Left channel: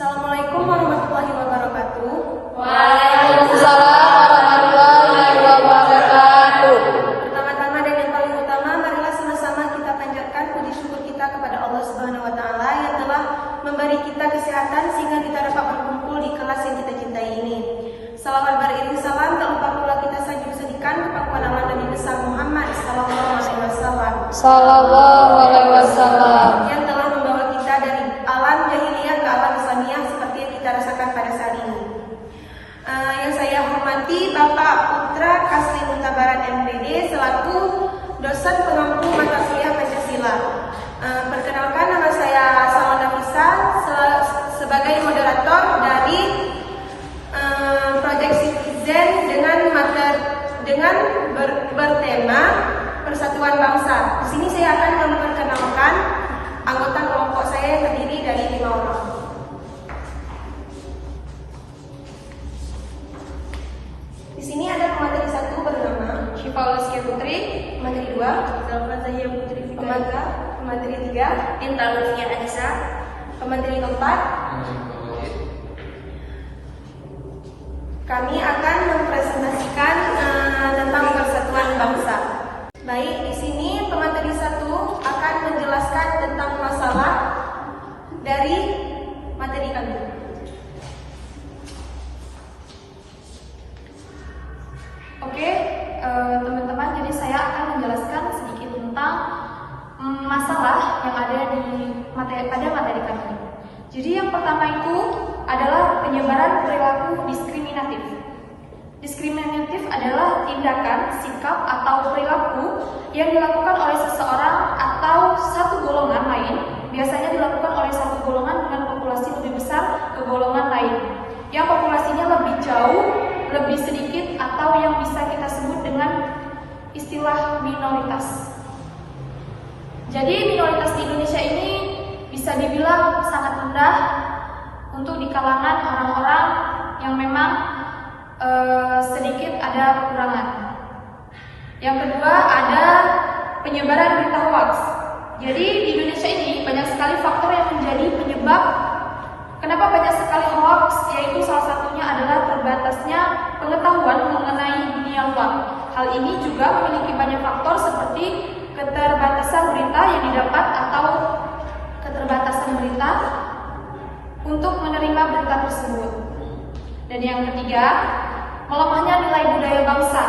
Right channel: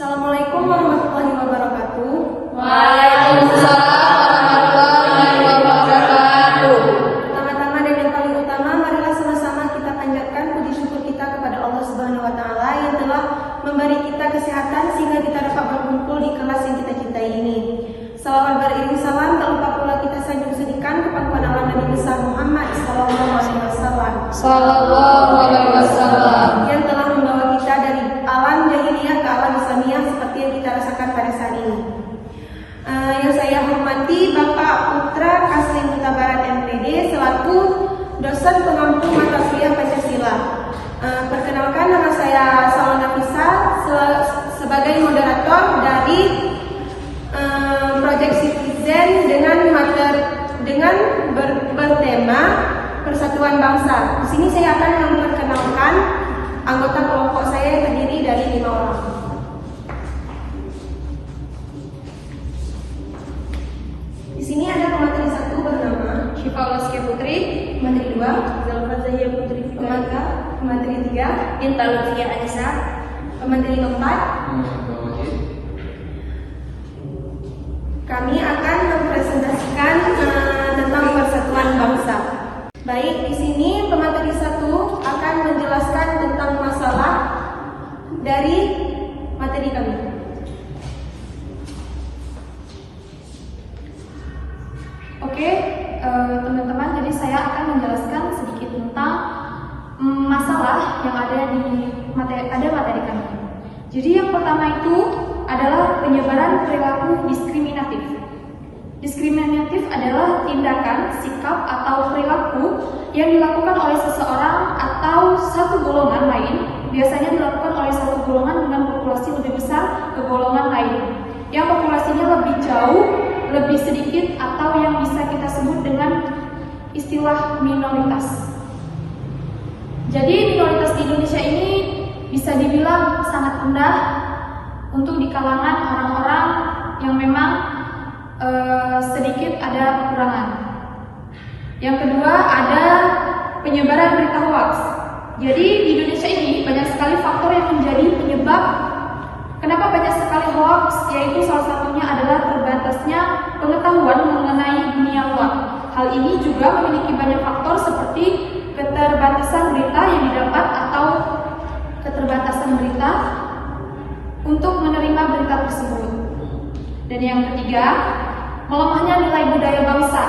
Assalamualaikum warahmatullahi wabarakatuh. Waalaikumsalam warahmatullahi wabarakatuh. Pertama-tama dan yang paling utama, marilah sama-sama kita panjatkan puji syukur kita kepada Allah Subhanahu wa taala yang telah memberi kita kesehatan sehingga kita dapat berkumpul di kelas yang kita cintai ini. Salawat beriring salam, tak lupa pula kita sanjung sedikan ke pangkuan Allah Nabi besar Muhammad sallallahu alaihi wasallam. Sallallahu alaihi wasallam. Yang telah membawa kita dari alam jahiliyah ke alam Islamiyah seperti yang kita rasakan pada saat ini. Yang saya hormati Bapak Putra Kasrin Mutabaran MPD selaku dosen pengampu mata kuliah Pancasila. Perkenalkan, nama saya Salon Nafisa sebagai moderator dari Project Citizen dengan bertema Persatuan Bangsa. Di sini saya akan memperkenalkan anggota kelompok saya yang terdiri dari 5 orang. Di sini ada pemateri 1 bernama Syifa Waskia Putri, pemateri 2 Zalfa Zahia Putri Fikarika, pemateri 3 Inta Lutfia Anissa, pemateri 4. Kami akan mempresentasikan tentang persatuan bangsa. Baik, di sini pemateri 1 akan menjelaskan tentang masalah dari materi kami. Oke, teman-teman, jadi saya akan menjelaskan sedikit tentang masalah yang ada di materi kami. Jadi yang pertama itu adalah penyebaran perilaku diskriminatif. Diskriminatif adalah tindakan, sikap, atau perilaku yang dilakukan oleh seseorang atau satu golongan lain, biasanya dilakukan oleh satu golongan dengan populasi lebih besar ke golongan lain, yang populasinya lebih jauh, lebih sedikit, atau yang bisa kita sebut dengan istilah minoritas. Jadi minoritas di Indonesia ini bisa dibilang sangat rendah untuk di kalangan orang-orang yang memang sedikit ada kekurangan. Yang kedua ada penyebaran berita hoax. Jadi di Indonesia ini banyak sekali faktor yang menjadi penyebab kenapa banyak sekali hoax, yaitu salah satunya adalah terbatasnya pengetahuan mengenai dunia luar. Hal ini juga memiliki banyak faktor seperti keterbatasan berita yang didapat atau keterbatasan berita untuk menerima berita tersebut. Dan yang ketiga, melemahnya nilai budaya bangsa.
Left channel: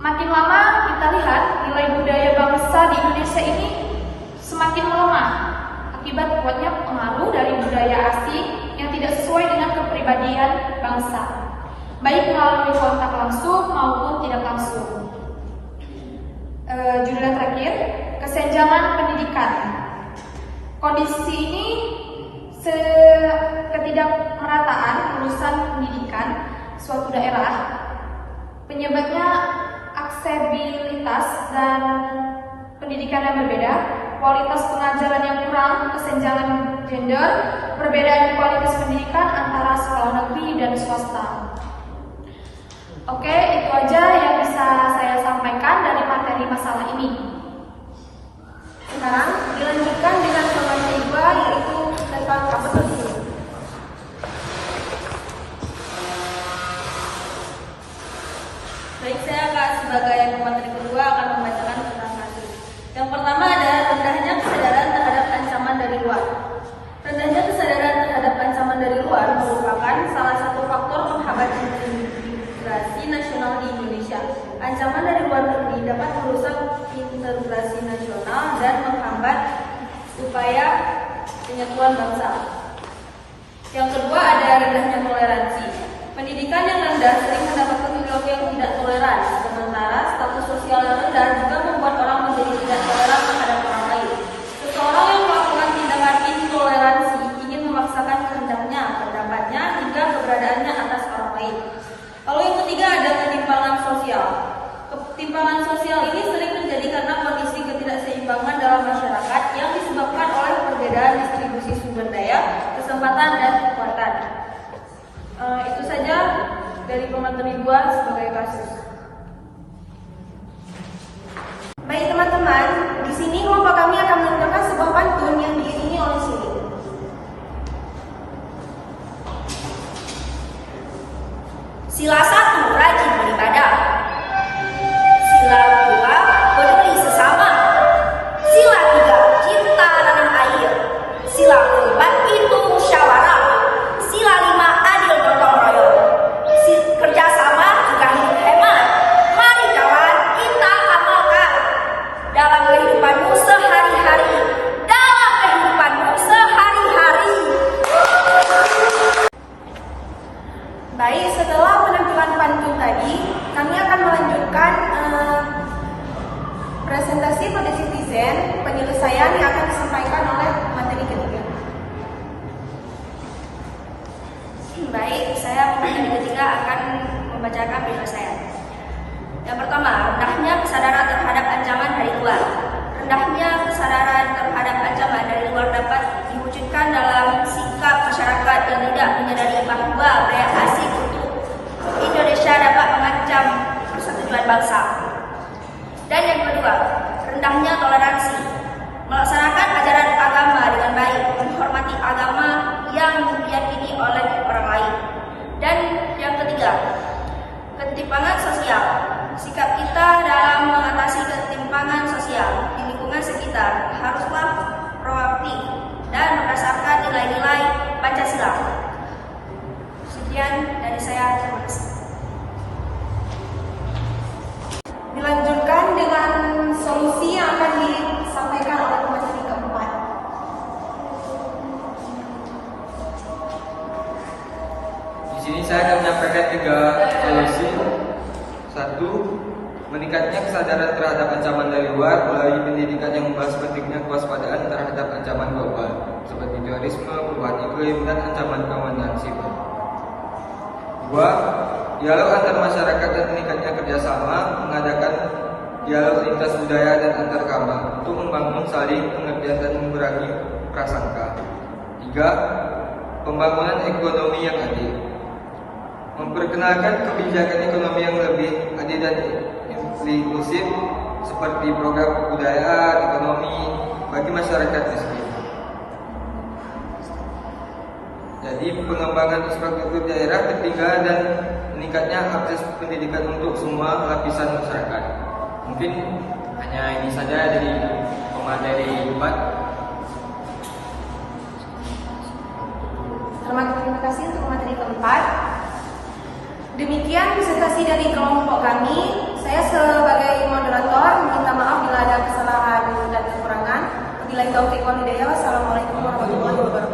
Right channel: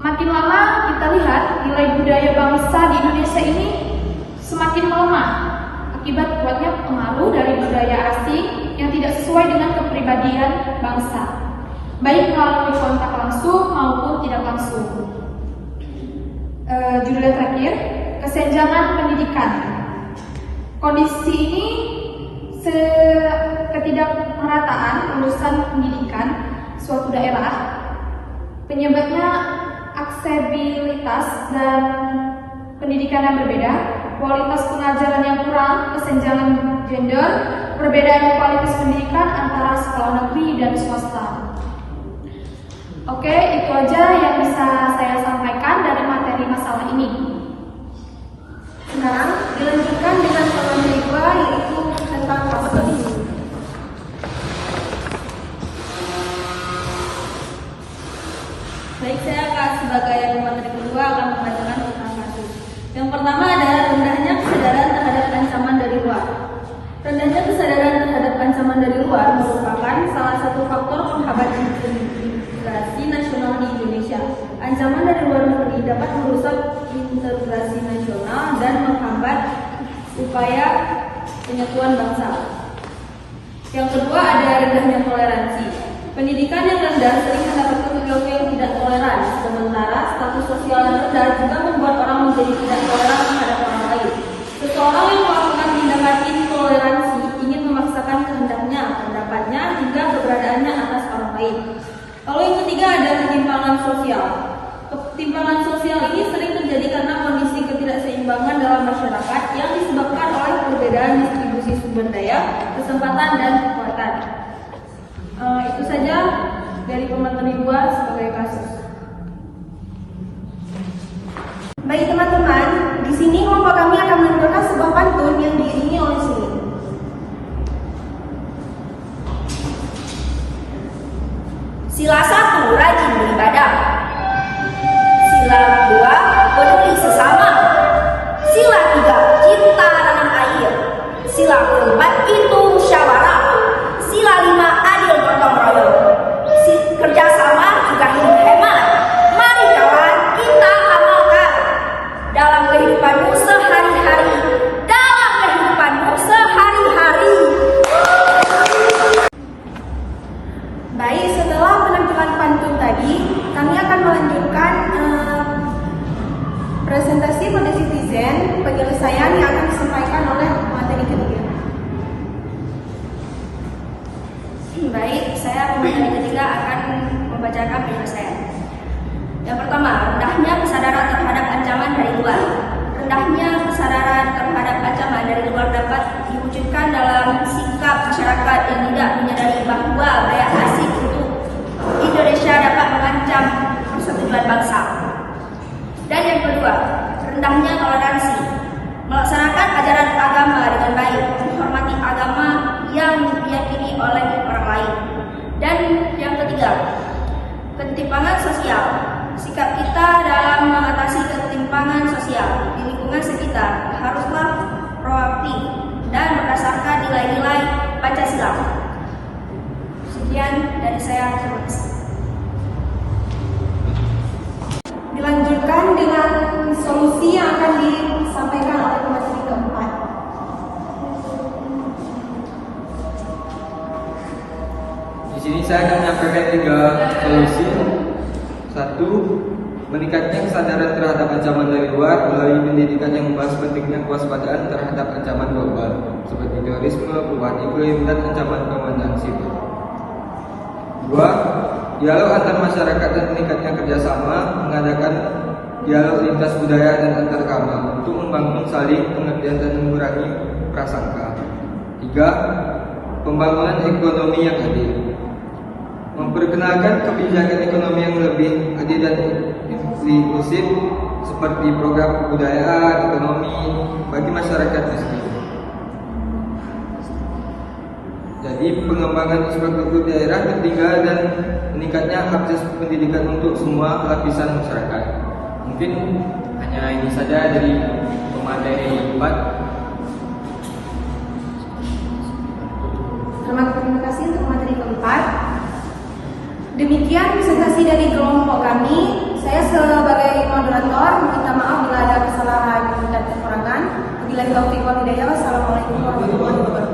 Makin lama kita lihat nilai budaya bangsa di Indonesia ini semakin melemah akibat kuatnya pengaruh dari budaya asing yang tidak sesuai dengan kepribadian bangsa, baik melalui kontak langsung maupun tidak langsung. Judul terakhir, kesenjangan pendidikan. Kondisi ini ketidakmerataan lulusan pendidikan suatu daerah, penyebabnya aksesibilitas dan pendidikan yang berbeda, kualitas pengajaran yang kurang, kesenjangan gender, perbedaan kualitas pendidikan antara sekolah negeri dan swasta. Oke, itu aja yang bisa saya sampaikan dari materi masalah ini. Sekarang dilanjutkan dengan pemateri 2 yaitu tentang kasus. Baik, saya akan sebagai pemateri kedua akan membacakan tentang kasus. Yang pertama adalah rendahnya kesadaran terhadap ancaman dari luar. Rendahnya kesadaran terhadap ancaman dari luar merupakan salah satu faktor penghambat integrasi nasional di Indonesia. Ancaman dari luar negeri dapat merusak integrasi nasional dan menghambat upaya penyatuan bangsa. Yang kedua ada rendahnya toleransi. Pendidikan yang rendah sering mendapatkan perilaku yang tidak toleran, sementara status sosial yang rendah juga membuat orang menjadi tidak toleran terhadap orang lain. Seseorang yang melakukan tindakan intoleransi ingin memaksakan kehendaknya, pendapatnya, hingga keberadaannya atas orang lain. Lalu yang ketiga ada ketimpangan sosial. Ketimpangan sosial ini sering terjadi karena kondisi ketidakseimbangan dalam masyarakat yang disebabkan oleh perbedaan distribusi sumber daya, kesempatan, dan kekuatan. Itu saja dari pemateri 2 sebagai kasus. Baik teman-teman, di sini kelompok kami akan menampilkan sebuah pantun yang diiringi oleh sini. Sila 1, rajin beribadah. Sila 2, peduli sesama. Sila 3, cinta tanah air. Sila 4, itu musyawarah. Sila 5, adil gotong royong. Kerjasama juga hidup hemat. Mari kawan, kita amalkan dalam kehidupanmu sehari-hari. Dalam kehidupanmu sehari-hari. Baik, setelah penampilan pantun tadi, kami akan melanjutkan presentasi kode citizen penyelesaian yang akan disampaikan oleh materi ketiga. Baik, saya pemateri ketiga akan membacakan penyelesaian. Yang pertama, rendahnya kesadaran terhadap ancaman dari luar. Rendahnya kesadaran terhadap ancaman dari luar dapat diwujudkan dalam sikap masyarakat yang tidak menyadari bahwa gaya asing untuk Indonesia dapat mengancam persatuan bangsa. Dan yang kedua, rendahnya toleransi. Melaksanakan ajaran agama dengan baik, menghormati agama yang diyakini oleh orang lain. Dan yang ketiga, ketimpangan sosial. Sikap kita dalam mengatasi ketimpangan sosial di lingkungan sekitar haruslah proaktif dan berdasarkan nilai-nilai Pancasila. Sekian dari saya, terima kasih. Dilanjutkan dengan solusi yang akan disampaikan oleh pemateri keempat. Di sini saya akan menyampaikan 3 solusi. 1. Meningkatnya kesadaran terhadap ancaman dari luar melalui pendidikan yang membahas pentingnya kewaspadaan terhadap ancaman global seperti terorisme, perubahan iklim, dan ancaman keamanan siber. 2. Dialog antar masyarakat dan meningkatnya kerjasama, mengadakan dialog lintas budaya dan antar agama untuk membangun saling pengertian dan mengurangi prasangka. 3. Pembangunan ekonomi yang adil. Memperkenalkan kebijakan ekonomi yang lebih adil dan inklusif seperti program kebudayaan ekonomi bagi masyarakat miskin. Jadi pengembangan infrastruktur daerah tertinggal dan meningkatnya akses pendidikan untuk semua lapisan masyarakat. Mungkin hanya ini saja dari pemateri 4. Terima kasih untuk materi keempat. Demikian presentasi dari kelompok kami. Saya sebagai moderator minta maaf bila ada kesalahan dan kekurangan. Wabillahi taufiq wal hidayah. Wassalamualaikum warahmatullahi wabarakatuh.